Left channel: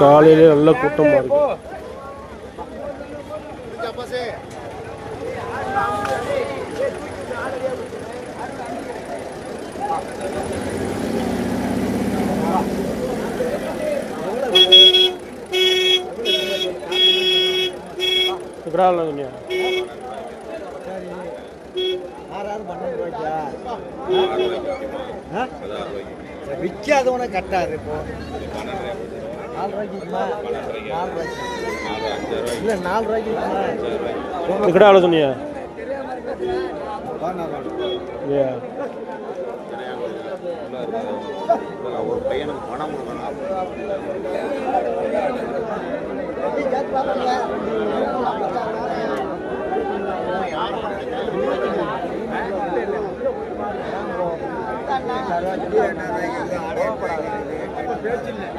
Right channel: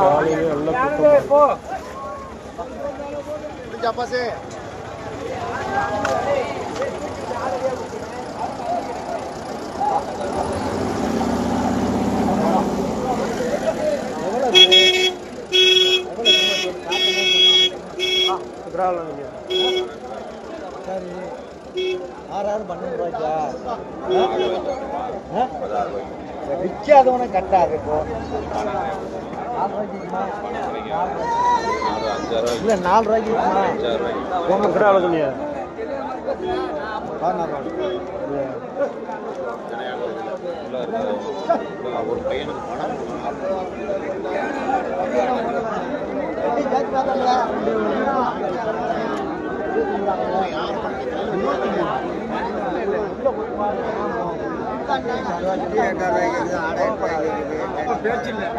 காலையிலே நல்ல கூட்டம். விற்காதவன கட்டாரு இப்போ இல்ல 4 ரூபாய்க்கு சொன்னியா? ஒரு பையனுக்கு பணம்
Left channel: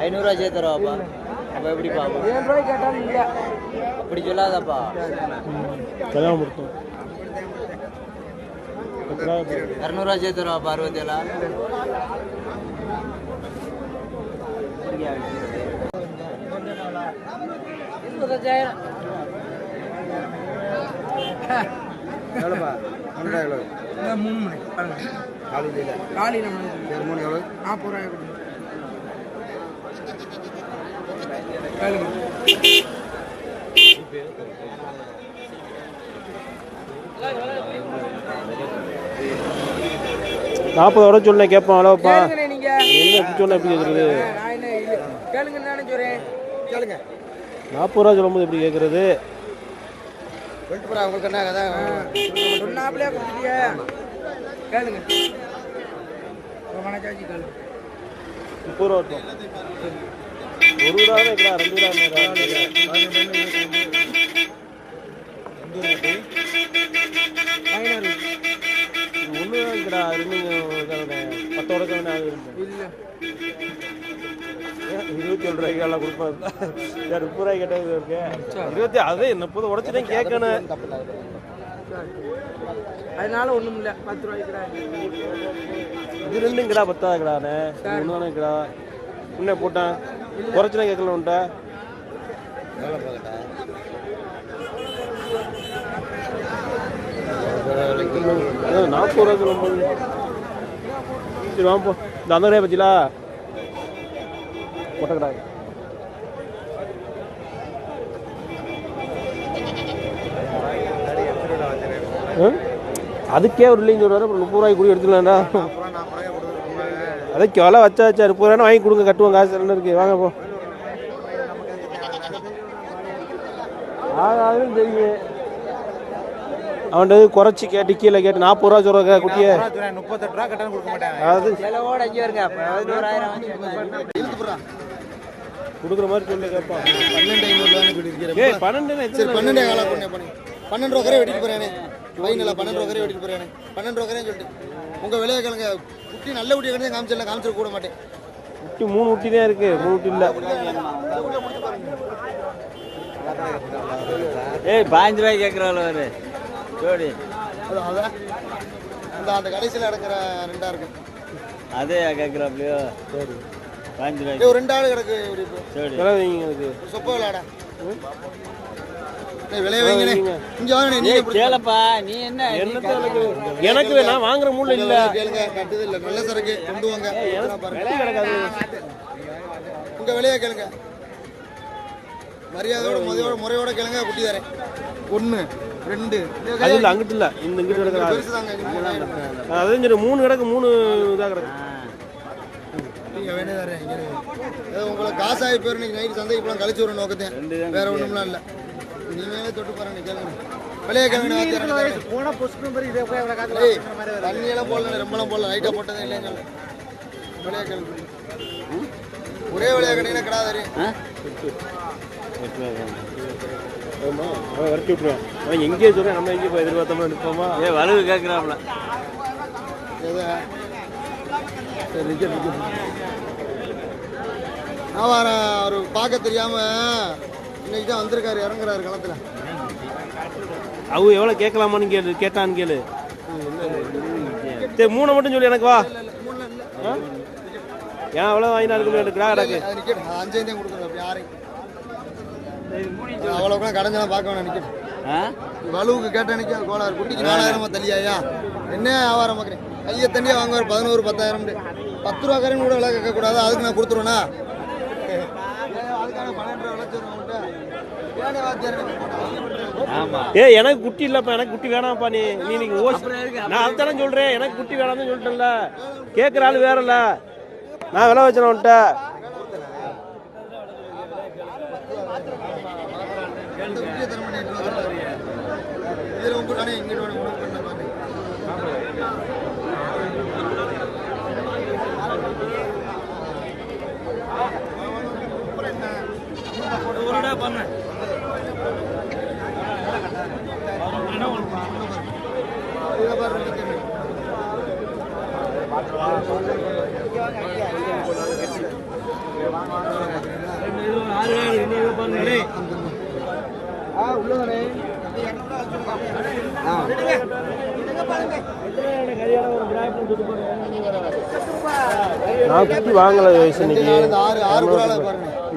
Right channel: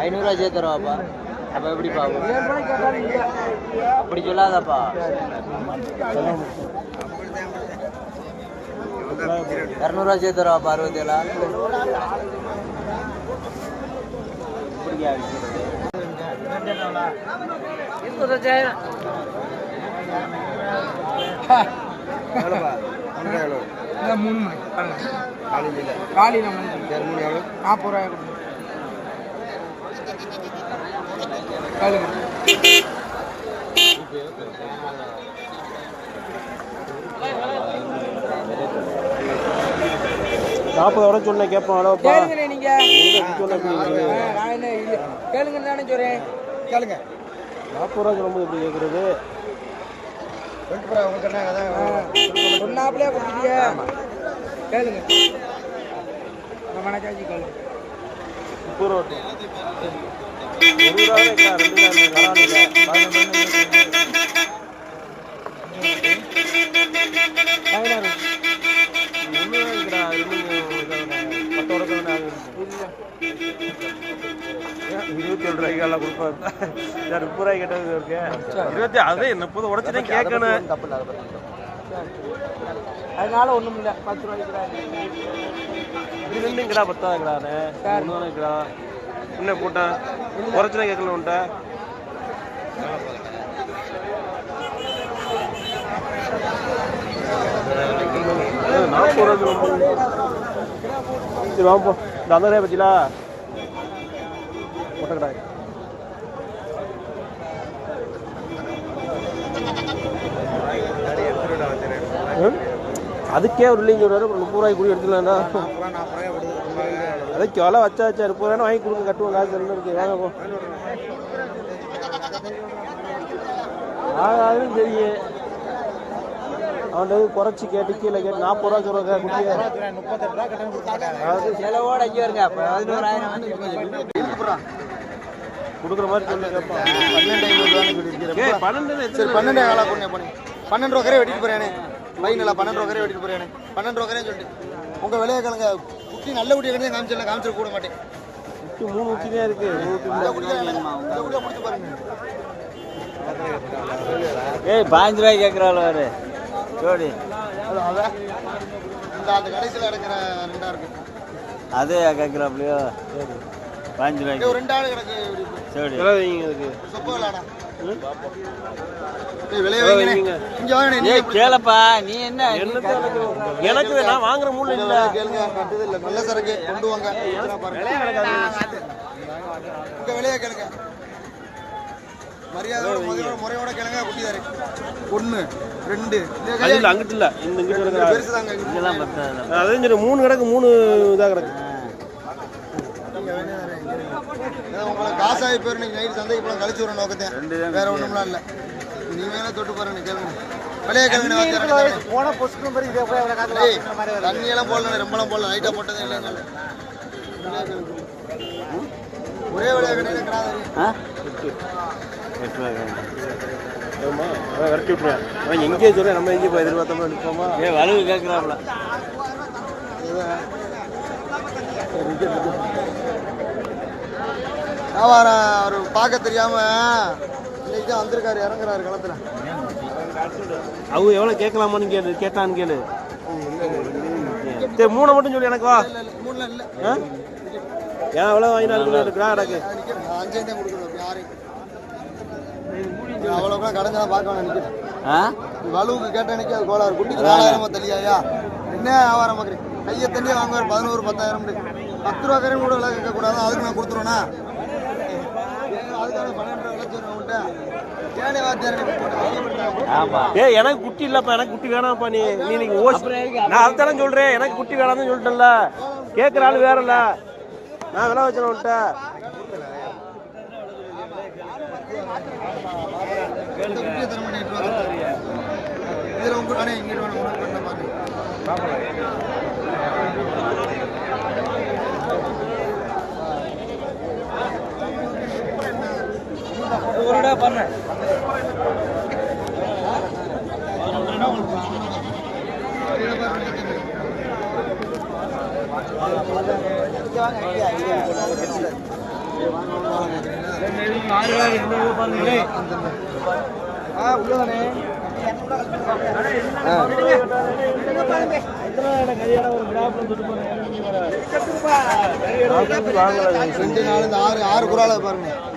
500 சேர்த்துருவாப்பா. அப்ப எப்படி பாப்பா? அப்படி சொல்லாதப்பா. 200 சேர்த்துருவாப்பா. 67 காலையில் 40 ரூபாய் சொல்ல கேட்பான். அளவுப்பா சொன்ன எப்படி கேட்கறது? கேளுங்க, நானே சொல்றேன். கேளுங்க. 40 ரூபா சொல்லும்போது எப்படி கேட்கறது? சொன்னாப்லே கொடுத்துட்டியா? கேளுங்க. 30 ரூபா இருக்கும். 1 ரூபா இருக்கலாம், 2 ரூபா அதனால ஒண்ணும் இல்ல. 10 ரூபாய்க்கு இது 10 என்ன போட்டேன் குறைச்சல கேட்கல உன்ட்ட. ₹40 ரொம்ப. சரி வாங்க போ. இந்த 50 ரூபாய் பத்திலா போட்டக்கூடாது. அதுக்கே ஒரு இல்லைன்னு சொல்றாரு. 30 ரூபாய்க்கு கூட எடுத்துக்கலாம்டா. அதுக்கு விலை வச்சா 30 ரூபாய் வாங்கி கொடுங்க, கட்டுவோம். காசு என்ன இருக்கு? வாங்க போ. ஆகாதுன்னு தெரியும். அவன்கிட்ட குறைச்சி கேட்டு கீழே கேட்டு 40 ரூபா சொல்ற குட்டியே. கொடுக்குற மாதிரி சொல்ல கேட்பான். 12 ரூபா கரை வெட்டிட்டு போறேன். பையனில் 12 ரூபா கரை வெட்டிட்டு போறேன். 12 ரூபா கரையும் சொல்லிட்டு உங்க விலையை கேளுங்க. குட்டி நல்ல குட்டியை கிடையாது. காமிச்சிட கூட மாட்டேன். குட்டி 3 குட்டி தான் இருக்கு. 3 குட்டி இல்லை. 15 ரூபாய் கேட்குறாள் ஜோடி. அந்த கடைசியில் இருக்கிற 2 இருக்கு. அதே கேட்குறாப்லையோ? சரி 15 ரூபாய்க்கு ஒரு 2 ஆடு கிடக்கு. சரி சொப்ப விளாடா. கேளப்பா. நீ என்ன எனக்கு நான் வாங்குற மூணு இல்ல. கேளுங்க. கட்டுது இல்ல. நல்ல சரக்கு கொண்டு வாங்க. உங்க விலையை கேளுங்க. மரியாதையோட முறையோட கேளுங்க. குட்டி தரேன். 1 2 இல்ல அங்கிட்டு இல்ல. இந்த இங்கிட்டு பெருசுதாங்க. இதெல்லாம் பத்தாது. அதான் சரி 3 கிடக்கு. 3 இதா கிடக்கு. நீங்க வேணே தரேன். உங்களுக்கு காசாகி போயிரு. இன்னைக்கு நைட் சந்தை இப்போ கழிச்சு வர நோக்கத்தேன். வேற ஒண்ணும்லாம் இல்ல. நீ மேல தொட்டு பாருங்க. கேளுங்க. விலையை கேளுங்க. போன பொஸ்ட் நம்பர் இதே போய் அவளை காத்துல தண்ணி எல்லாம் போடல. ரொம்பலாம் போடல. லைட்டா போட்டதே இல்லை. விலையை கேளுங்க. ஒரே விலையை கேட்டீங்கன்னா கிடாதாரு. ஆமா அவன் விரட்டி விட்டுருவேன். அவன் எங்கேயே சொல்றேன். நம்ம எங்கேயே போய் எதிர்பார்த்தோம் நிற்போமா? வலவு கேட்கிறாங்களா? வியாபாரம் அவர் பார்க்க தெரியாம இன்னைக்கு தான் வந்திருக்காரு, இறங்குறாரு களத்துல. அவங்க எவ்வளோ கேட்கலாமான்னு கேட்டான்னு கேளு. சரி 3 மட்டும் சொல்லி எனக்கு வா. 3 இல்ல. ஏன் அவ்வளோ வாங்கினா எடுக்கிறா கிடக்கு 5 தான் கொடுக்கணும். அவ்வளோ கடைஞ்சா பார்க்க வேணாம் நிற்கிது. வலுவுக்கு கேட்ட எனக்கு அது கோளாறு. குட்டிக்கு 4000 தள்ளியாயா என்ன வியாபாரம் பார்க்குறேன். கையை தண்ணியே வாங்குவார் 11 10,000 10 ரூபா கரையும் கூட விலை கேட்கக்கூடாது. அதுக்கு நான் கொடுத்துருவேண்ணா. அதுக்காக 12 ரூபா விளைச்சா ஏனே வாத்தியார் எனக்கு குட்டி இல்லப்பா, எனக்கு குட்டி வேணாம்ப்பா. நீ நீங்க நான் அதுதானே சொல்றேன், எனக்கு குட்டி வேணாம்னு சொல்லிட்டேன்ல. கேட்குற ஆள் வேற இல்ல, நான் விலை வச்சேன் உன்ட்ட. இதில் உங்க அண்ணே இங்கிட்டு வேணும் உனக்கு பாருங்க.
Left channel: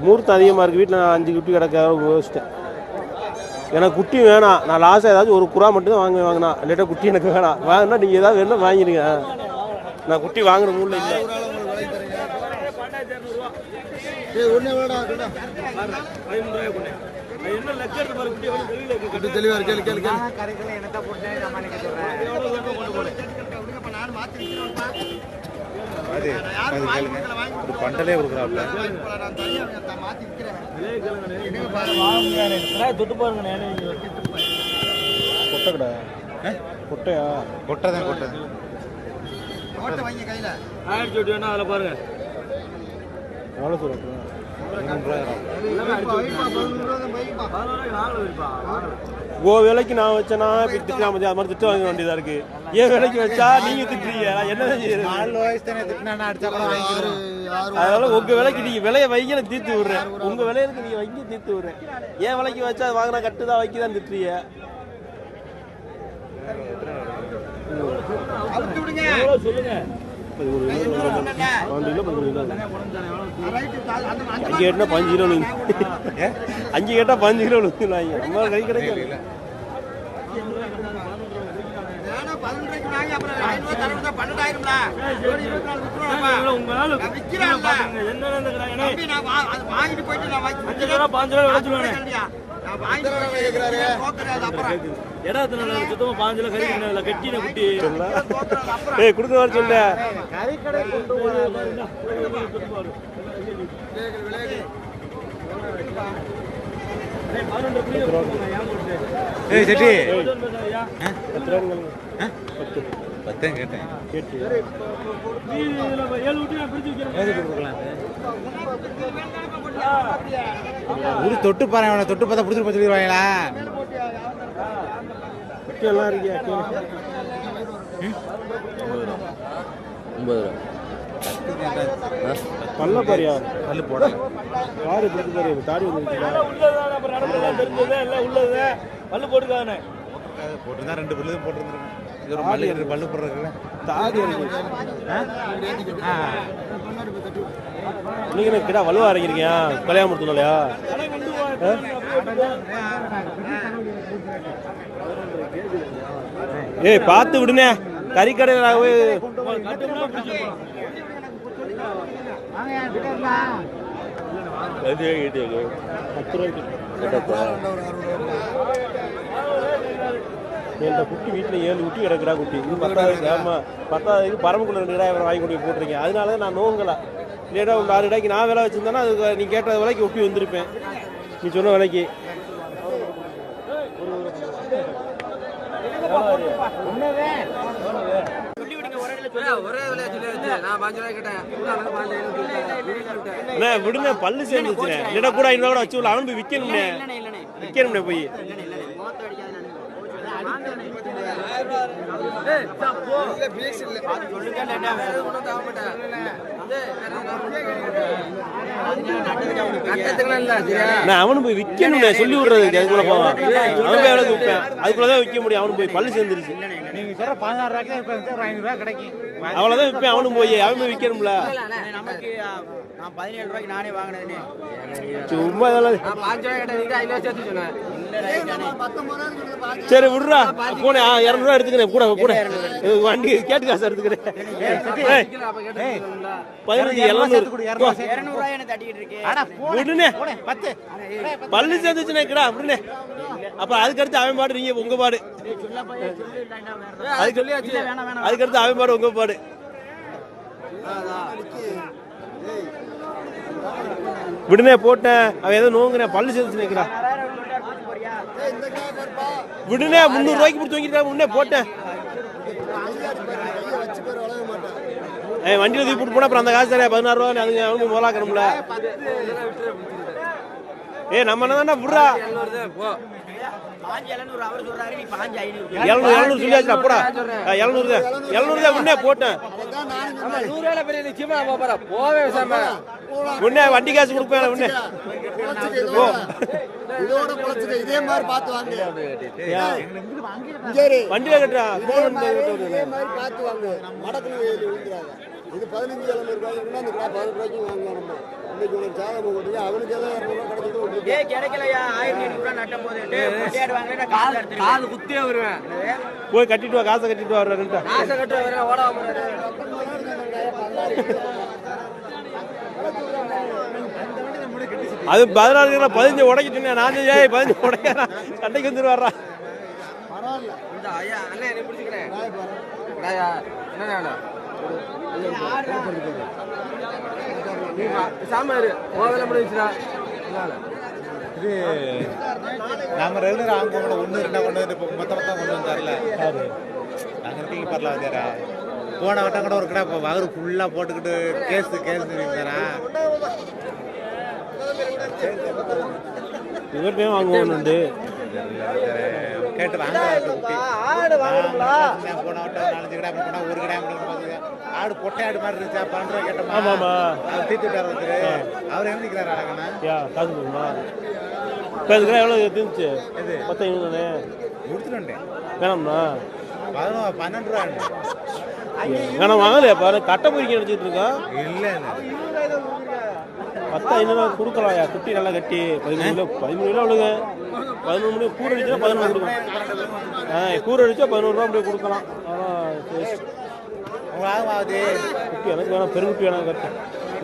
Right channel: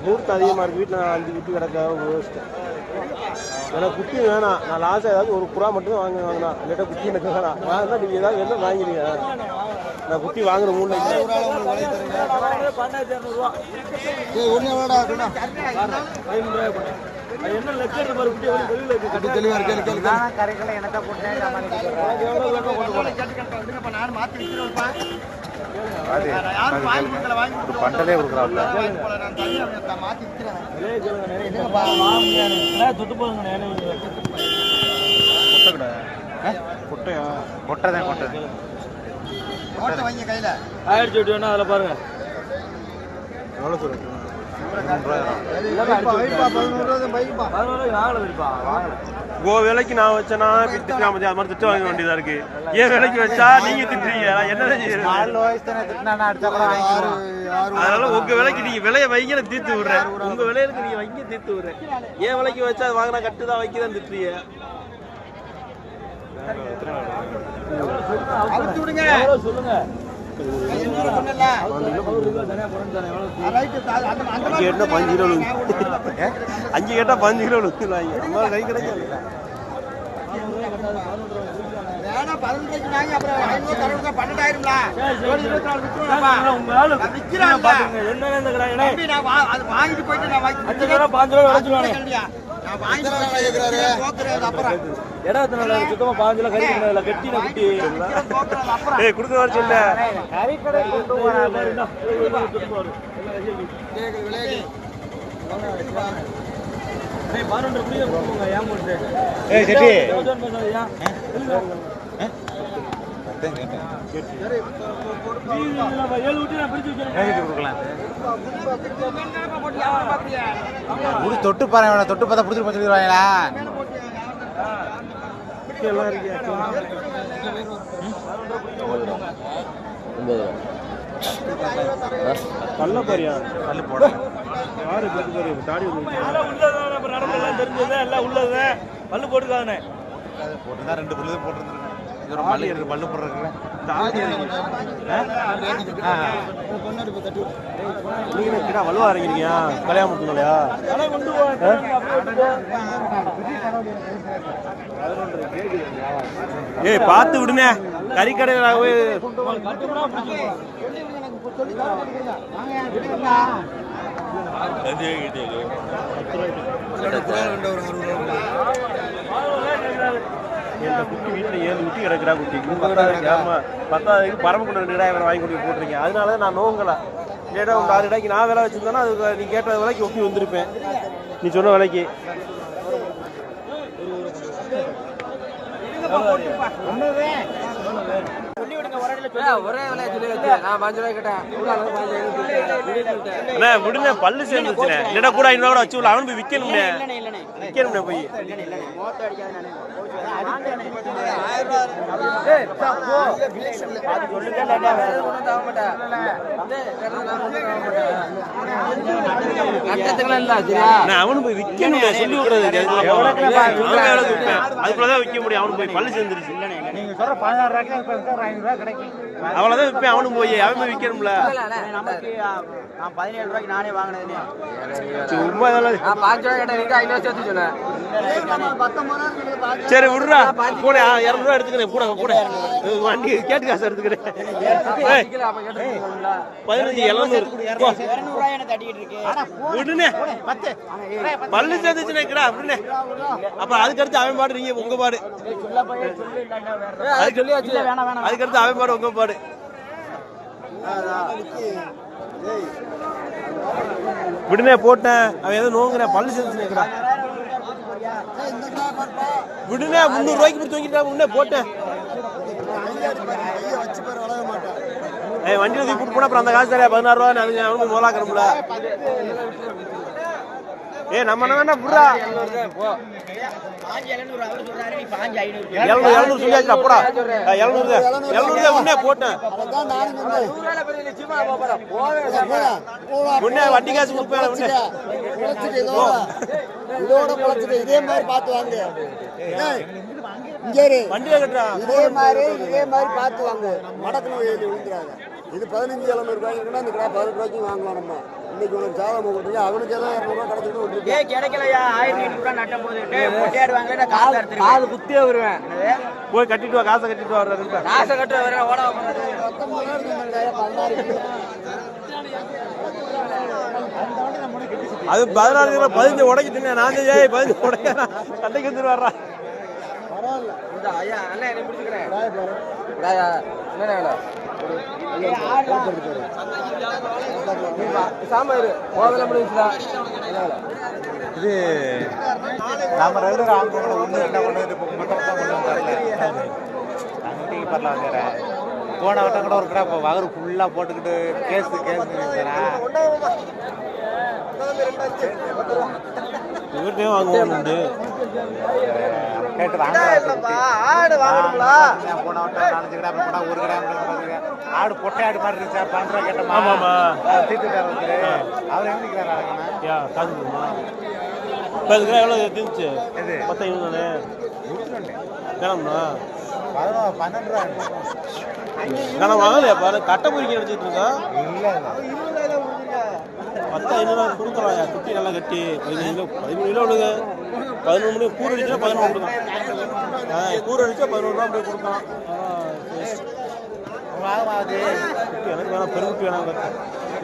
மூர்த்தம் அதிகமாக இருக்குது. வீட்டில் 5 குட்டி கிடக்க யோசிச்சிட்டேன். எனக்கு குட்டி வேணாம். நான் லாஸ்ட்டாக ஏதாச்சும் ஒரு புறா மட்டும் வாங்கினா இல்லாட்டா குட்டி எனக்கு வேணாம். வாங்கினா நீங்கள் ஏதாவது வேணும் வாங்கிடுங்க. நான் குட்டி வாங்குற மூணு இல்லை. பண்டலே கொடுக்குறாப்ல. கொட்டையா கொட்டை தான் கொட்டை. அதில் பாருங்க எவ்வளோ தூரம் 3 விலைக்கு நான் வச்சேன்னா திட்டுனா அது மாதிரி திட்டு வாங்க வேண்டியதா இருக்கு. ஏன் விலைக்கு வச்சா நீங்க திட்டுறீங்க, என்னதான் அதனால உங்க விலைக்கு நீங்க விலையை வைங்க தீர்த்து விடுறேன். உங்க விலையில நீங்க வைங்க தீர்த்து விடுறேன். ஏன் விலைக்கு வச்சா அது வாங்கினா கட்டுதான் வைக்கதான் திட்டுறீங்க. சொல்லுங்க. 5 கேட்டா 5 கிலோ 5 கேட்டா 5 கிலோ கை கிடைக்காது. தொட்டு பாருங்க, தொட்டு பார்த்தா பிடிச்சிட்டு சொல்லிடுவாங்களா? பல்ல பாரியா பல்லு போட யாரு பாரு தாடி தெரிஞ்சது எல்லாம் உள்ளது பல்லு போட்டுதானே போட்டுதான் 2 பல்லு போட்டுருந்துருக்கோம். இது ஒரு மல்லி 2 பல்லு போடுறதுல தாடி நீங்க கிட்ட வலுவா இறங்கிருக்கீங்க கல்யாணத்துலயா? ஏய் பார்த்து விடுனே கறிக்கடையில குட்டி வீட்டில் 7 குட்டி கிடக்குறா. குட்டி 10,000 பரமக்குள்ள 2 கிடாய் வாங்கி கொண்டு போட்டுருங்க. அதனால நான் நோங்கலை. லேட்டா 6 கிடாய்க்கு நான் விலை வச்சிருந்தேன்னா அது நீ கேட்ட விலைக்கு ஒப்பி வந்திருப்பேன். நீ சொன்ன விலைக்கு விடுங்க பல்லு சேர்ந்துச்சுண்ணே. இல்லைன்னா கூட 500 கூட வச்சு அவனு போய் விற்கணும்னே போய் அவனு போய் விற்கணும் சொல்லி விடுறது அதுக்குள்ளதான் விற்க முடியும். அவனு போய் பள்ளி சேர்ந்துருச்சு. நீங்க சொல்ற 16 ரூபாய்க்கு ஒரு 500 ரூபாய் கிடைக்கும். அவ்வளவுதான் விற்பேன். அவனும் போய் அவன் போய் விற்கணும்ல. நமக்கு நான் 17 ரூபாய்க்கு நானே வாங்கினேன். சும்மா நான் 5 ரூபாய் கிட்ட 500 சேர்த்து சொல்லுவேன். சரி விடுறா கூட 200 ரூபா எடுத்துக்கிறேன். கூட கூட வண்டி கேட்டு காசு எடுத்துக்கிறேன். 15,700 விடுனே பள்ளி சேர்ந்துச்சுனே கிடா விடுனே. அப்புறம் அதுக்கடுத்து அவன் பாடு நீங்க உங்க பாடு. அதுக்கடுத்து அவன் பாடு உங்க பாடு. விடுனே போட்டேன். அவன் எதுவும் நோங்குறேன் பள்ளி சேர்ந்துச்சுனே கிடா விடுனே. 300 ரூபாய்க்கு பிடிச்சி வாங்கிட்டா முன்னே போட்டேன். வண்டியில் தூக்கி போட்டு போனா அப்புறம் அந்த காசு தரேன் 16 ரூபா. அதுங்க அவனுக்கு முதலாக்கணும்ல. நம்ம என்ன விடுறா 700 சொல்லியாச்சு. அப்படா 700 தான் முன்னே போட்டேன். முன்னே வண்டி காசு கொடுப்பேன். முன்னே இதோட குறைச்சிட்டு இதே மாதிரி பார்த்து வாங்க. வண்டியில கட்டுறா இதே மாதிரி பார்த்து வாங்க. மடக்கணும் விழுந்துறாங்க. இது 15,700 ரூபாய்க்கு இருக்குன்னா இந்த 18 ரூபாய்க்கு வாங்கலாம். நம்ம இன்னைக்கு உனக்கு சாதம் போட்டுருக்கீங்க. அவனுக்கு ஏதோ 200 ரூபாய் கிடைச்சிட்டு விட்டுருக்கு. கிடைக்கலையா 1000 ரூபாய் நட்டம் போது காது குத்தியே வருவேன். போய் கட்டிட்டு வா. காசை கட்டிட்டு வா. காசை கட்ட வர ஓட அது 16 15 உடைக்கிட்டு நான் 15 உடைக்கிறான். கண்டைக்கு வந்துருவாரா. இது நாம ரெகுலர் ஆகும்போது 1 2 மொத்தமாக கொண்டு வந்தார்ல நாங்கள் இருக்கீங்க பரல வந்துடுற. போன வட்டம் கூட ஒரு கடை இப்போ வகரு ஃபுல்லாக போட்டுக்கிட்டு கேஸு தரேன். வாங்குவோம் கேட்டு வாங்க. போன வட்டம் 4 கடை போனால் ஒரு கடை ஆடு பொட்டை ஆடு மாதிரி இருக்கா 12 ரூபா கேட்டோம். ஆமாம்மா தீத்துட்டார் அவர் என்ன நிற்கிறார் அழகண்ணா. காசு எவ்வளோ இருந்துச்சு? எது 10 முடிச்சுட்டேன் வேணாம்ண்ணா. 12 ரூபா வேணாம் வாங்கலையா பாரு. கட்டை பொறிக்க எடுத்துட்டு இருக்கா. இல்லை 10 கொடுக்கலாம்யா. குட்டி நல்லா கட்டி 15 கிலோ விழுங்க. 11 கூறு அடிச்சா 11 கொடுக்கும். கூறு அடிச்சா 11 ரூபா அப்படியே கொடுக்கலாம். ஆகுது குட்டி எனக்கு வேணாம். பெருங்குட்டி வேணாம். கட்டு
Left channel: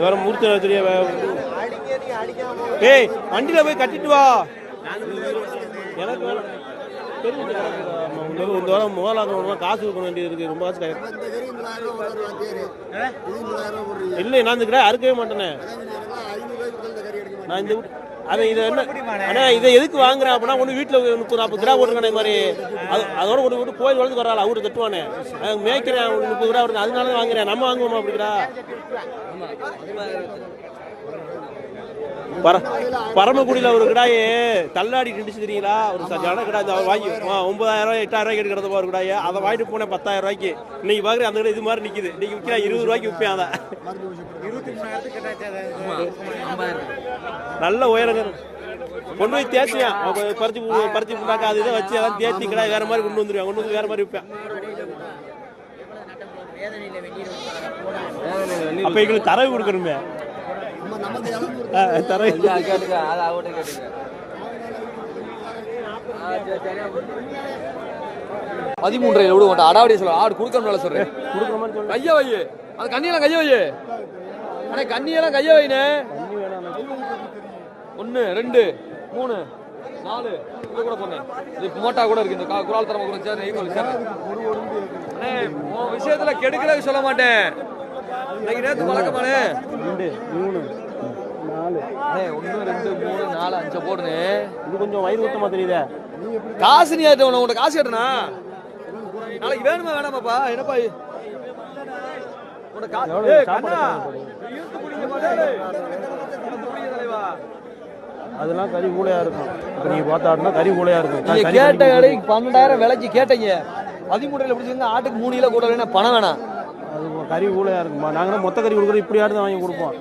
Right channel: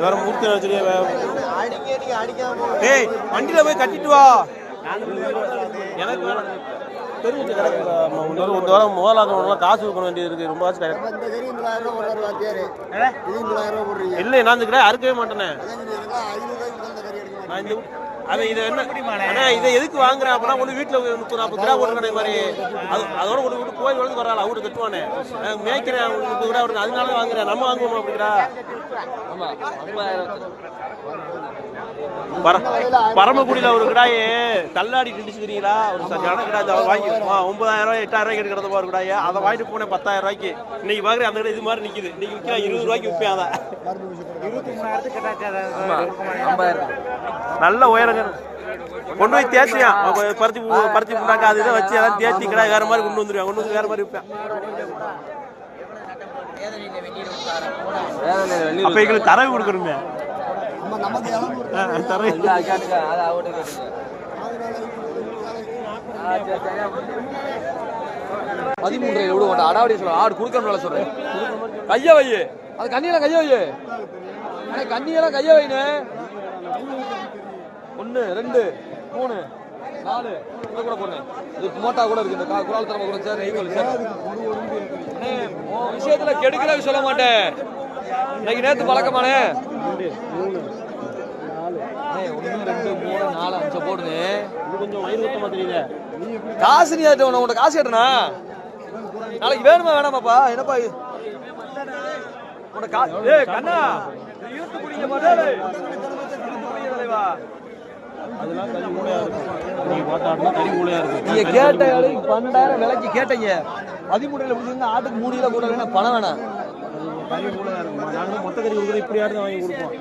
வேற மூர்த்தி தெரியா. ஏய் வண்டியில போய் கட்டிட்டு வா. எனக்கு வேணாம். பெருங்குட்டி கிடக்குதா. ஒரு வாரம் முதலாக காசு கொடுக்க வேண்டியது இருக்கு. ரொம்ப காசு கிடையாது. இல்லை நான் இந்த கடை அறுக்கவே மாட்டேனே. நான் இந்த அவன் இதை என்ன ஆனால் இதை எதுக்கு வாங்குறேன் அப்படின்னா ஒன்று வீட்டில் 30-40 கிராம் போட்டுருக்கேன். இது மாதிரி அதோட ஒரு விட்டு கோயில் வளர்ந்து வராள். அவருக்கு கட்டுவானே மேய்க்கிறேன். 30 கிராம் வருது. அதனால வாங்குறேன். நம்ம வாங்குவோமா அப்படிங்கிறா. பரமக்குடியில் ஒரு கிடாயே தள்ளாடி கிண்டிச்சு தெரியுங்களா. ஒரு ஜன கிடாது அவர் வாங்கி 9,000 8,000 ரூபாய்க்கு எடுக்கிறத ஒரு கிடாயே. அதை வாங்கிட்டு போனேன் 10,000 ரூபாய்க்கு. இன்னைக்கு பார்க்குறேன் அந்த கடை இது மாதிரி நிற்குது. இன்னைக்கு விற்கிறேன் 20 ரூபாய்க்கு விற்பேன். அதை நல்ல உயரங்க கொண்டு போய் தேய்ச்சியான். பருத்தி புண்டாக்கா அது இதை வச்சு எல்லாம் தேய்ச்சி கடை வேற மாதிரி கொண்டு வந்துருவேன். கொண்டு வந்து வேற மாதிரி விற்பேன். அப்ப எங்களுக்கு தரவு கொடுக்கணுங்க. தரவு 13 எவ்வளவு மாட்டா அடாவடி சொல்ல ஆடு கொடுக்கணும்ல சொல்றேன். கைய வை. அது கண்ணியெல்லாம் கைய வை. ஆனால் கண்ணியெல்லாம் கைய வைனே. 1 2 3 4 கூட போறேன். இது மோட்டா கூட இருக்கு. இந்த குரால் தரமா கூட சேர்ந்து விஷயத்துல கெடுக்கல சொல்ல மாட்டேன். இன்னைக்கு நேத்து பழக்கமானே 1 2 3 4 5 போடுங்க. இது கொஞ்சம் வயிறு ஊட்டமா தெரியுது. காசு நீ உன்கிட்ட காசு கட்டணா நாளைக்கு வேணுமா வேணாமாப்பா? என்னப்பா உனக்கு காசு கண்ணா அதெல்லாம் கறி மூளையா இருக்கும். நீங்க பார்த்தாடுனா கறி மூளையா இருக்கும். நீங்க கேட்ட கடை 12,000 விலைக்கு கேட்டீங்க. 13 பிடிச்சிருந்தா ஆட்டுக்கு 3 கிலோ கூட வேணா பணம் வேணாம். கறி ஊழையா இருக்குமா? நாங்க மொத்த கறி கொடுக்குறது இப்படி ஆடு வாங்கி கொடுப்போம்.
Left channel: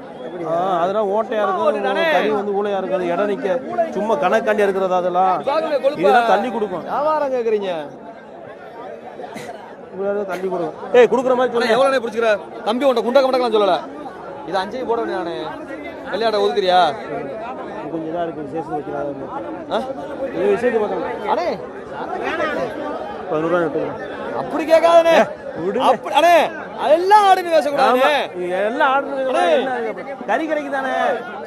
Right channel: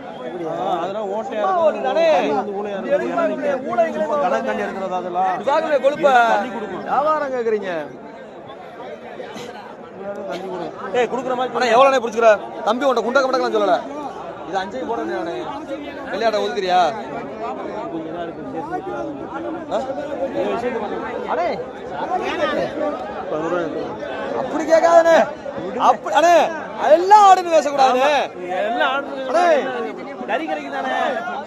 அதெல்லாம் ஓட்டையா இருக்கும். கறி வந்து ஊழையா இருக்குது. இடம் நிக்க சும்மா கணக்காண்டி இருக்கிறது அதெல்லாம் தள்ளி கொடுக்கும். வியாபாரம் கேக்குறீங்க. தள்ளி கொடுக்கும். ஏய் கொடுக்குற மாதிரி ஆனா எவ்வளவு பிடிச்சிக்கிற தம்பி உன்ட்ட குண்டக்க மடக்கலாம் சொல்லல. இது 5 போட நானு விளையாட ஒதுக்குறியா? கொஞ்சம் இதா இருக்கு விசேஷம் வைக்கிறாங்க. இது விசேஷம் பண்ணுங்க. அடே அப்படி கேட்காதே. அப்படி அடே அதெல்லாம் ஆடுன்னு பேசக்கூடாது. எல்லாம் ஆடு கறி கிடைக்குதானே?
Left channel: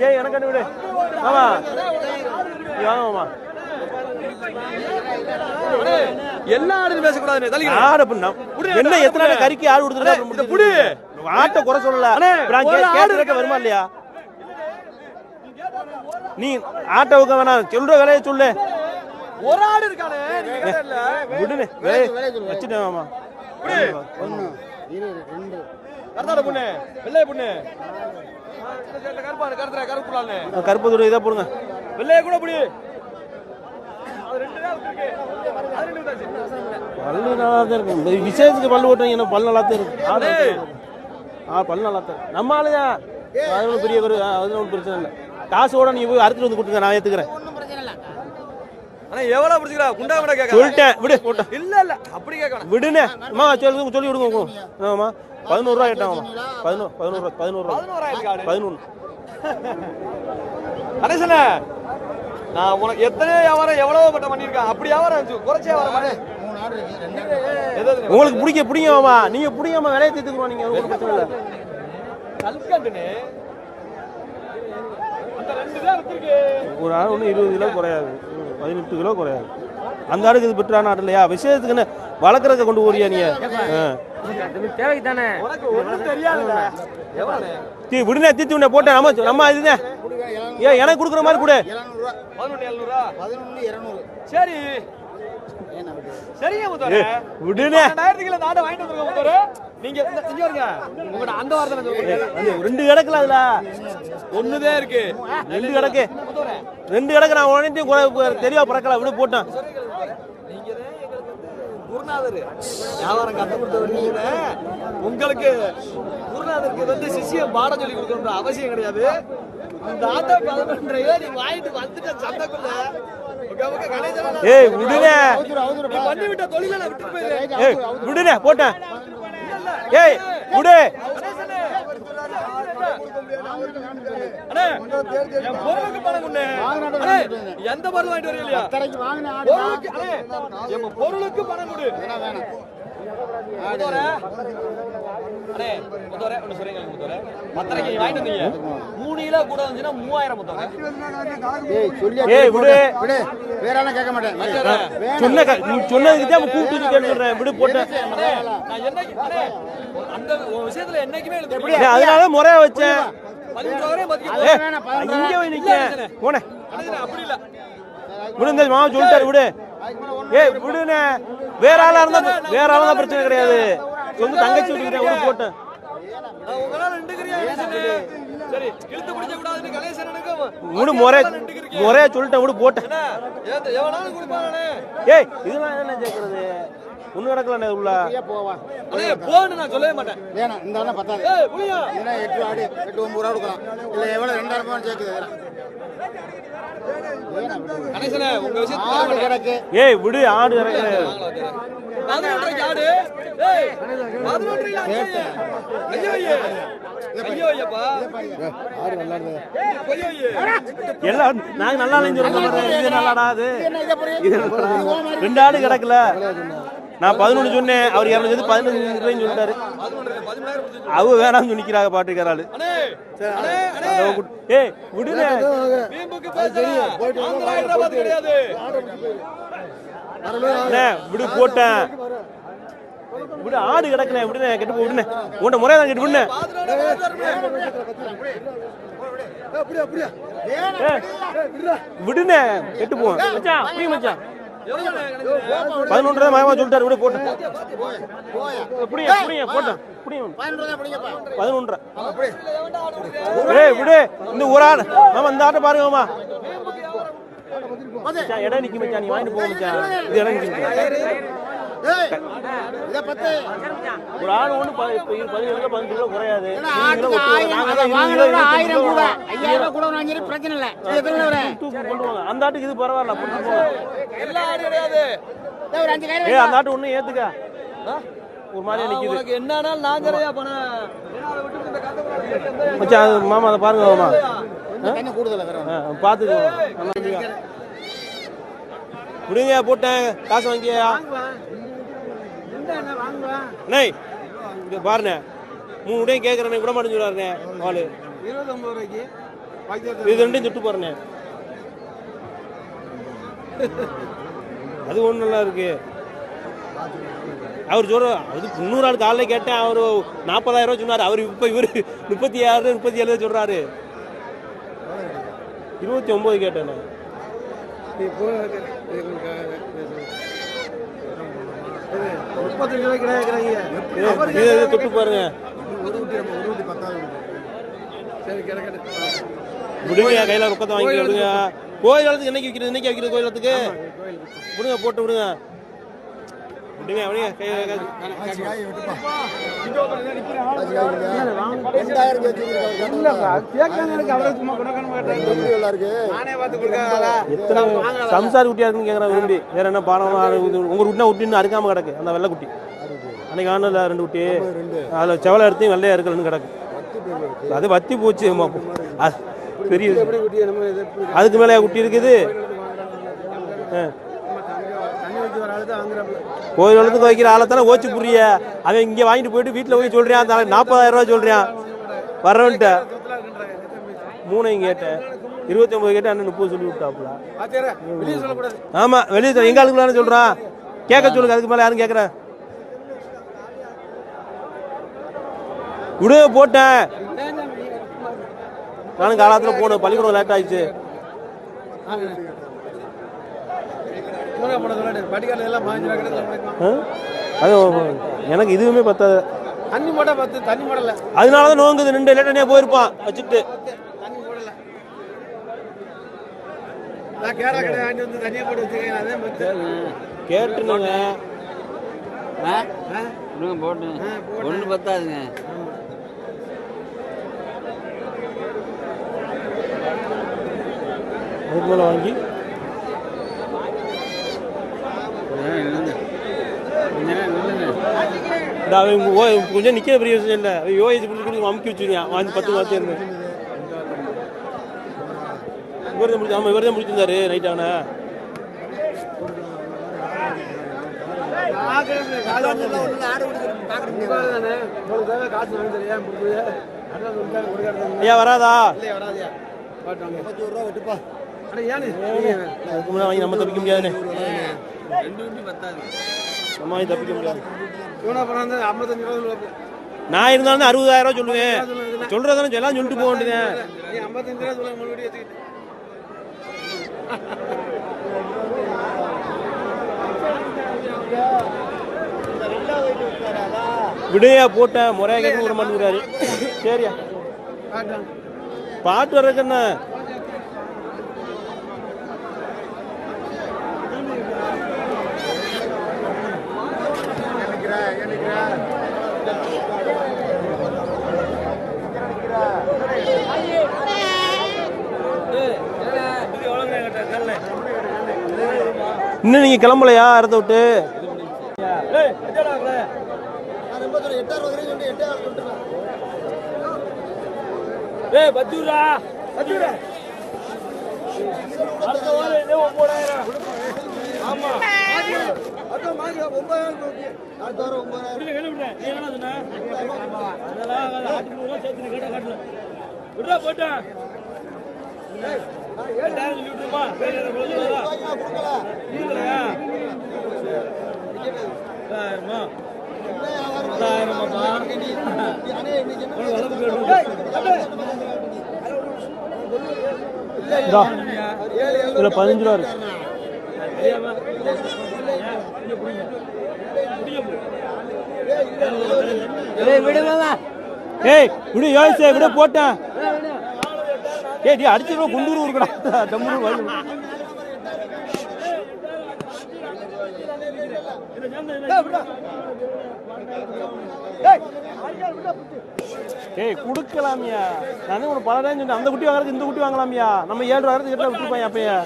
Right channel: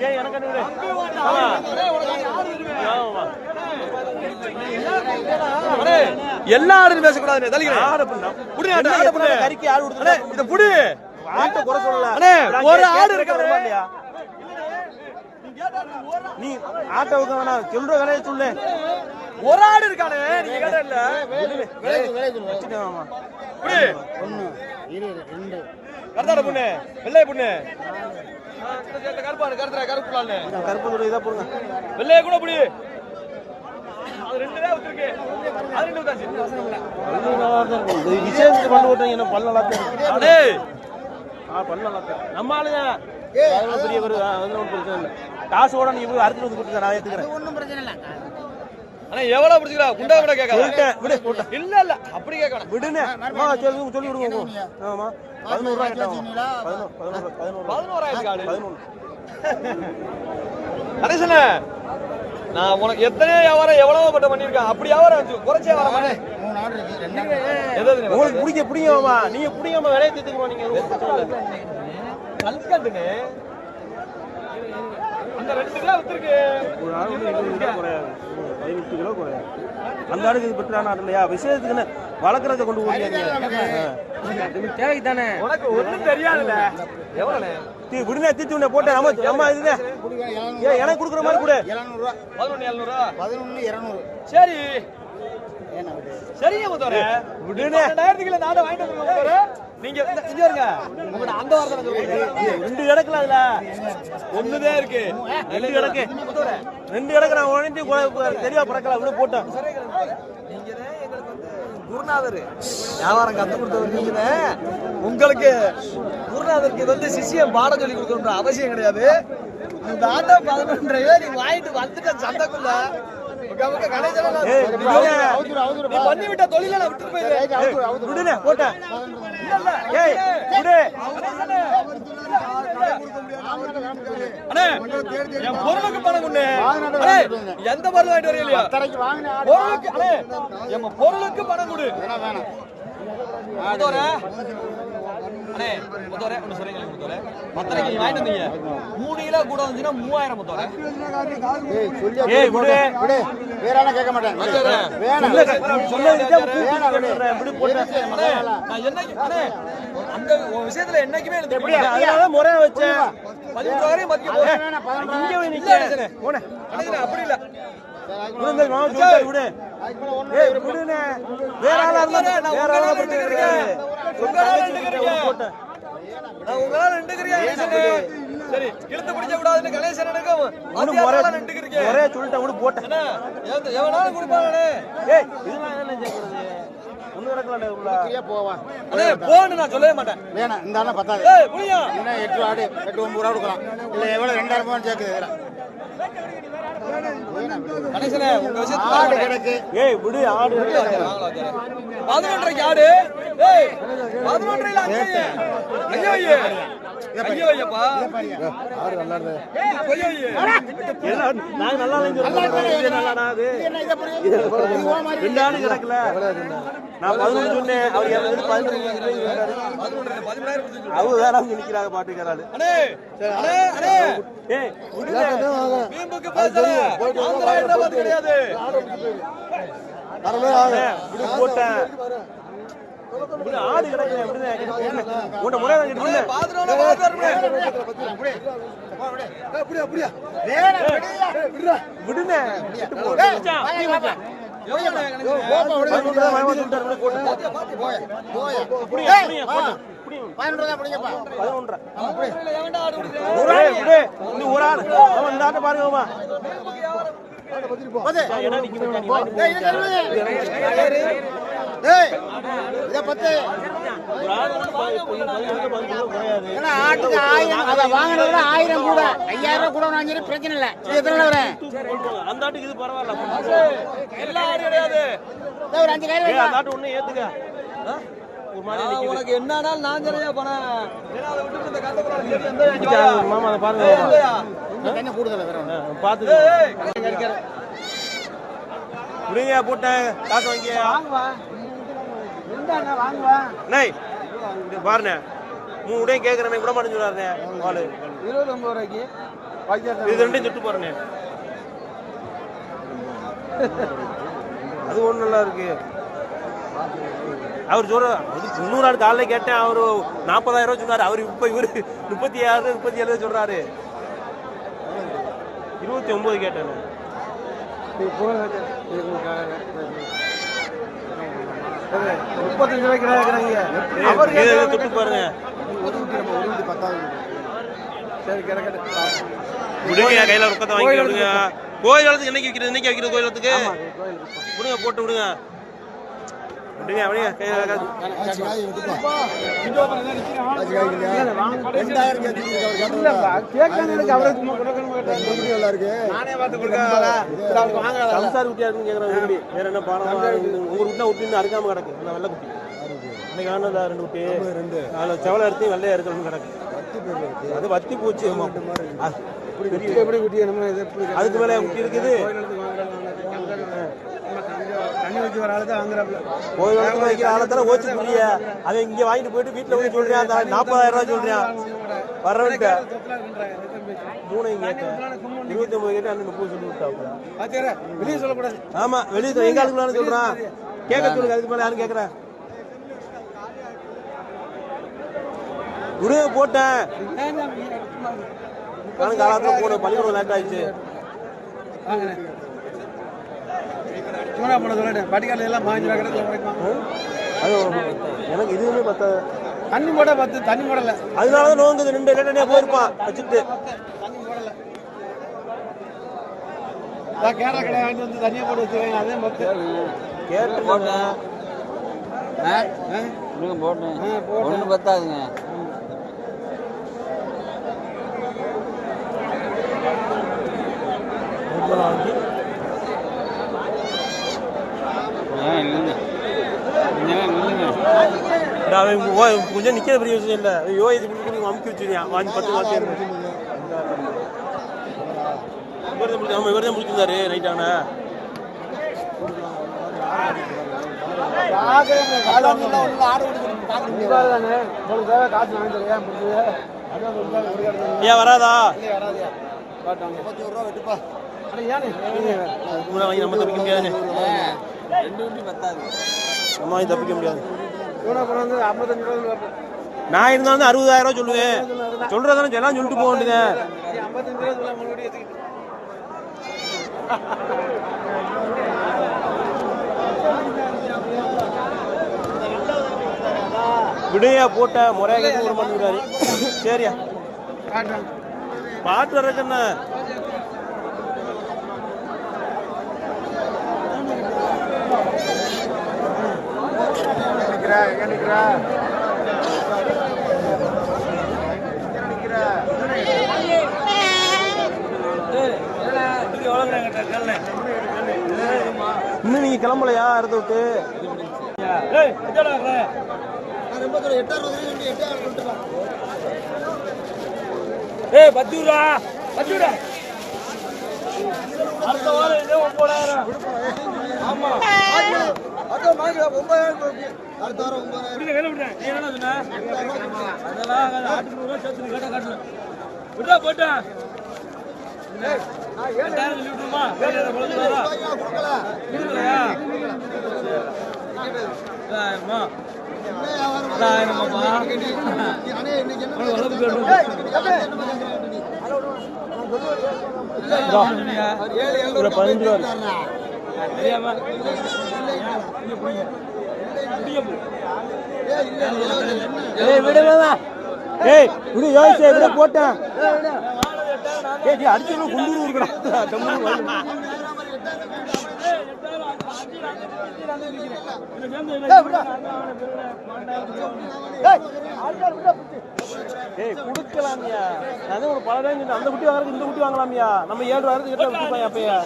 ஏய் எனக்கு விடு. ஆமா அடே எல்லா ஆடுன்னு பேசக்கூடாது. தள்ளிக்கிறேன். ஆடு பண்ணா என்ன எத்தனை கறிக்கு ஆடு கொடுத்துற? இந்த புடி ஆட்டை குறை சொல்லல. அடே ஒரு ஆடு இருக்க வருமா இல்லையா? நீ ஆட்டை உக்க வேணாம். சொல்ற விலையை சொல்லு. ஒரு ஆடு இருக்கானே. நீ கேட்ட இல்ல. விடுவே. வச்சிட்டேன் மாமா. புடி 1 2 2 கர்தாட பொண்ணு வெள்ளை பொண்ணு கருப்பாடு கருத்துற கருப்புலான்னு கருப்பு துணி இதை போடுங்க. வெள்ளைய கூட புடி. அது 2 தான் விட்டுருக்கு. அது 2 தான் பல்லு நல்லா தான் இருக்கும். இந்த விசேஷத்துக்கு பல்லு ஓட்டாங்க. என்ன பல்லு நல்லா தான் இருக்கும். அடே பல்லு நல்லா தான். நம்ம ஆளுங்க அதெல்லாம் பெரிய ஒரு அதெல்லாம் பிரச்சனை இல்லை. காசோட நீ போய் அறுத்துட்டு வந்து கொடுத்துக்க. நான் ஏத்துக்கிறேன். அண்ணா எவ்வளவு பிடிச்சிக்கிறா? குண்டா கூட கேட்க சொல்லிட்டேன். விடு. இல்ல இல்ல அப்படி கேட்கணும். விடுனே. அம்மா சொல்லி விடுங்க. ஆமா 11 ரூபாய் கேட்டாங்க. 11 கணேசனே நான் உனக்கு எத்தனை வியாபாரம் எவ்வளவு மட்டும் பண்ணிருக்கேன். அப்படி வியாபாரம் வந்து குறைச்சே வாங்க. 3 ஆடு இருக்கு. உங்களுக்கு பிடிக்குமாமா? நீங்க பிடிக்காம விலையை தீர்த்துக்கணும். நீங்க கல்கண்டுனே அந்த 2 தான் விட்டுருக்கு. ஒரு ஆடு ஒன்று 20 கிலோ குறையாது. 18 கிலோ குறையாது. அந்த ஆடுக்கு இது பெற்றான ஆடு இல்லையா? விசேஷத்துக்குன்னு வளர்க்குறத கொண்டு போறியா நீ? தேவைக்கு தானே. உனக்கு ஒண்ணும் தெரியாதுல்ல. எவ்வளவு விடுனே தீர்த்து விட போட்டேன். அம்மா இதுங்க ஏன் எனக்கு கொடுக்குற மாதிரி கொடு. 11,700 11,200 சரி சரியா முதல்ல விடுனே. 2000 நாடை வாங்கிட்டு வந்துருங்க. நீங்க இங்க இருங்க. உங்க அந்த வாரத்துல 2 கிடக்குல அதுல ஒண்ணுதான் இருக்கு. 2 கிடக்கு. 2 கிடக்கு. நான் உடனே தெளிவா பறக்கல. விடு போட்டேன். நீங்க குருநாதர் வியாபாரம் கத்து கொடுத்தவர் நீங்க. உங்களுக்கு குருநாதருக்கு வந்து சிஷ்யம் பாடம் சொல்லி கொடுக்கணும்ன்ற அவசியம் கிடையாது. இந்த ஆட்டோ 11 நீங்க வாங்கிட்டு வந்துட்ட சந்தைக்குள்ள ஏய் விடுனே. நீ பண்ணி விட்ட தொழில நான் விட்டு போயிடுறேன். ஏய் விடுனே போட்டேன். ஏய் விடு. அண்ணே என் பொருளுக்கு பணம் கொண்டு. அண்ணே எந்த பொருள் வாங்கிட்டு வரீங்க இல்லையா? பொருளுக்கு அண்ணே என் பொருளுக்கு பணம் கொடு. முதோரே அண்ணே முதோரே ஒன்னு சொல்லுங்க. முதோரே மத்தனைக்கு நீ வாங்கிட்டு வந்தீங்க 3 கிலோ கூட வந்துச்சுன்னா 3000 முதோரே. ஏய் விடு. வேற என்ன கேட்க மாட்டேன். சொன்னதுக்கு தான் கூப்பிட்டு சொல்றேன். விடு போட்டேன். அண்ணே நான் என்னைக்கு அண்ணே அந்த விஷயத்துல என்னைக்குமே இல்ல. அதனால முறையா வச்சேன். 13 வரை மதிக்க இங்க போய் நிக்க போனே. அப்படி இல்ல. விடுங்க மாமா சொல்லிட்டாரு. விடு. ஏய் விடுனே. வேற ஆளா இருந்தா பிரச்சனை கிடையாது. உங்க தங்கச்சி கிட்ட போட்டேன். நான் உங்களால 2 கிரியா சரி இழுத்து பிடிக்க கூடாதுன்னு கணேசன் நினைக்கும். விடு முறையா சொல்லிட்டேன். விடு போட்டேன். எவனாலும் கொடுப்பானே. ஏய் இதெல்லாம் என்ன கேக்குறது? ஒண்ணு நடக்கல உள்ள போவா. அண்ணே போன்னு நான் சொல்லவே மாட்டேன். வேணாம் இந்த ஆள பத்தாது. ஏய் புரியா? என்ன 8 ஆடு 8 9 ரூபா கொடுக்கலாம். இல்ல எவ்வளவு 2000 ரூபாய் கேக்குது வேற. கணேசனே உங்க விஷயத்துல ஆடு கிடக்கு. ஏய் விடு. ஆடு 11 ஆடு. ஏய் 11 ஐயோ ஐயோ ஐயோப்பா ஆடு நல்லா இருக்கு. ஐயோ எல்லாம் நான் நல்லா இல்லைன்னு சொல்ல மாட்டேன். இது நல்லாடா அது. இது 2 ஆடு கிடக்கல. நான் 11 சொன்னேன். அவர் 15 சொல்லிட்டாரு. 11 அவங்க வேணாம்னு சொல்லிக்கிறாங்க பாட்டுக்காராளு. அண்ணே அண்ணே அண்ணே ஏய் விடுங்க. வீம்புக்கு பேசாத. அந்த ஹைதராபாத் கிடையாது. அண்ணே விடு போட்டேன். விடு ஆடு கிடக்கல. விடுனே கிட்ட விடுனே. உன்ட முறையா தான் கிட்ட விடுனே. பாதுரோட பாதுறமே. விடுனே கிட்ட போ. எவ்வளவு கணக்கு? 11 மாமா சொல்லிட்டாரு. விடு போட்டு. அப்படியே போட்டேன். 11 தான் பிடிங்கப்பா. 11. எவன்டா ஆடு கொடுத்தே? ஏய் விடு. இந்த ஒரு ஆடு. ஆமா இந்த ஆட்டை பாருங்க மாமா. இடம் நிக்க மச்சான், நீ வாங்கிட்டு போ மச்சான். இது இடம் நிக்க. ஏய் இத பத்து ஒரு ஆள் ஒண்ணு பதினஞ்சு கிலோ குறையாது. ஆட்டுக்கு 1000 அதை வாங்கினது 1000 கூட 5000 கூட வாங்கிரு பிரச்சனை இல்ல. இது எத்தனை வரேன் அந்த ஆட்டுக்கு இது பரவாயில்ல. எல்லாம் கிடையாது. ஒரு 5000 ஏய் அந்த ஆட்டு ஒண்ணு ஏத்துக்க. ஒரு மாதிரி நிக்குது. உனக்கு என்னன்னாலும் நான் சரியா போனேன். ஏன்னா அதை விட்டு இந்த காத்தக்கூடாது. மச்சான் மாமா அதை பாருங்க மாமா. என்ன கூடுதல வரேன் பாத்து விடுங்க போட்டேன் காசு வாங்கியா நை இது பாருண்ணே 3 உடையும் கேட்குறேன் கூட மாட்டேன்னு சொல்றாருண்ணே ஆளு 29 ரூபாய்க்கு இது ரெண்டையும் திட்டு பாருங்க அது ஒன்றும் நல்லா இருக்கு அவர் சொல்ற அது 300 ஆள் காலையில் கேட்டேன் அவர் 40,000 ரூபா சொன்னார் அவர் இப்போ இவர் 36 37 சொல்றாரு 29 கேட்டேன் தொட்டு பாருங்க விடுங்க கையில ரொக்கத்தை வாங்கி விடுங்க கோயில் வளத்துக்கு என்னைக்கு வைக்கிறது இன்னைக்கு வைக்கிறது கோயில் வளத்துக்கு விடுங்க போட்டு விடுங்க விடுங்க விடுங்க சம்சாரி குட்டியா இருக்குன்னு கேட்கறேன் விரும்பி வேற என்ன பாடம் உங்க வீட்டுல விட்டு அறுக்காம கிடக்கு அந்த வெள்ளை குட்டி அன்னைக்கு ஆனல 2 குட்டி அதில் செவலை எடுத்து வெள்ளையா இருக்கிறன்னு கிடக்கு அது வத்தி போச்சு பெரிய அதுக்கு மேலே குட்டி இருக்குது கோயில் வளத்துக்கு வைக்கிற ஆளை தானே ஓச்சு புரிய அவன் இங்கே வாங்கிட்டு போயிட்டு வீட்டில் போய் சொல்றான் அந்த 40,000 ரூபா சொல்றான் வர்றவன்ட்ட 3 கேட்டேன் 29 கேட்டேன் அண்ணன் 30 சொல்லி விட்டா ஆமா வெளியே எங்க ஆளுக்கு சொல்றான் கேட்க சொல்லுங்க அதுக்கு மேலே யாரும் கேட்கற விடு போட்டேன் நானும் காலத்துல போனேன் பள்ளிக்கூடம் லேட் ஆயிடுச்சு எனக்கு இதுவுமே பத்தாது தண்ணி போட பத்து தண்ணி போடல அதனாலதான் நோங்குது 2 லேட்டா போயிருப்பான் வச்சுட்டு கேரளா கடை வாங்கி வந்து தண்ணியை போட்டு வச்சுருக்கேன் அதே கேட்டுருங்க போட்டு ஒண்ணு பத்தாதுங்க வாங்கி கொஞ்சம் நிக்கிற பெரிய விஷயம் இல்லை யோகி அமுக்கி வச்சுருக்கான் வாங்கி 10 வாட்சி இவர்தான் முடிச்சு ஆமா இவர்தான் முடிச்சிருந்தாரு நைட் ஆனா ஏன் வராதா நம்ம தப்பிக்க முடியாது நம்ம தப்பிக்க முடியாது நான் இருந்தாலும் 60,000 ரூபா சொல்லுவேன் சொல்றதானே எல்லாம் சொல்லிட்டு போக வேண்டியது விடையா போட்ட முறையா கேட்க விட மாட்டேங்கிறாரு சரியா பாட்டு வர்றதுன்னா இன்னும் நீங்க கிளம்பலையா இடத்த விட்டு பத்தூரா பத்தூரா அடுத்த வாரம் இதே 9,000 ஆமா அதான் வாங்கி 9,000 அடுத்த வாரம் 9,000 நீ என்ன சொன்ன அதெல்லாம் ஆட்டுக்கு ரூபா சேர்த்து கேட்டா காட்டல விட்டா போட்டா ஏய் நான் 7,000 சொல்லிட்டுமா வேற கொடுக்கலையா ஆமா ஆமாப்பா அண்ணே இன்னைக்கு என்ன வளர்ப்பு ஒரு 15 ரூபா தெரியாம ஏய் விடு யோசிச்சு விட போட்டேன் ஏய் அடிச்சு கும்பூர் ஏய் குடுக்கலாமியா, நான் ஒரு 10 சொன்னேன். அந்த குட்டி வாங்குறதுக்கு இந்த குட்டி வாங்கலாமியா, நம்ம 7 வாங்குறதுக்கு கிட்ட விட்டுப்பாங்க அப்பயா.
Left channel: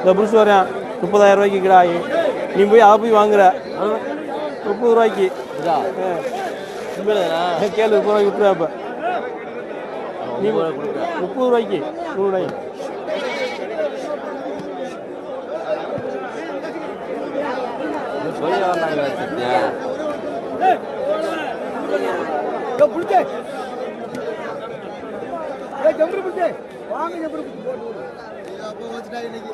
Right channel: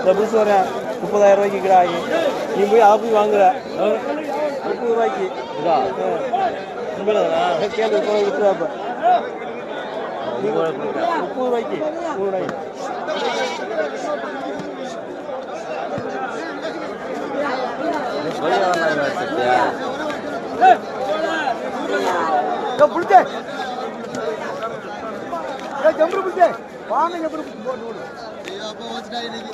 இந்த புதுசு வரேன் 30,000 ரூபாய்க்கு கிடாயி, நீ போய் அதை போய் வாங்குற 30 ரூபாய்க்கு கேள்வி 30 ரூபாய்க்கு விட்டுருவா. இப்போ நீ 30 ரூபாய்க்கு 100 ரூபாய்க்கு அப்போ வச்சுட்டா இன்னைக்கு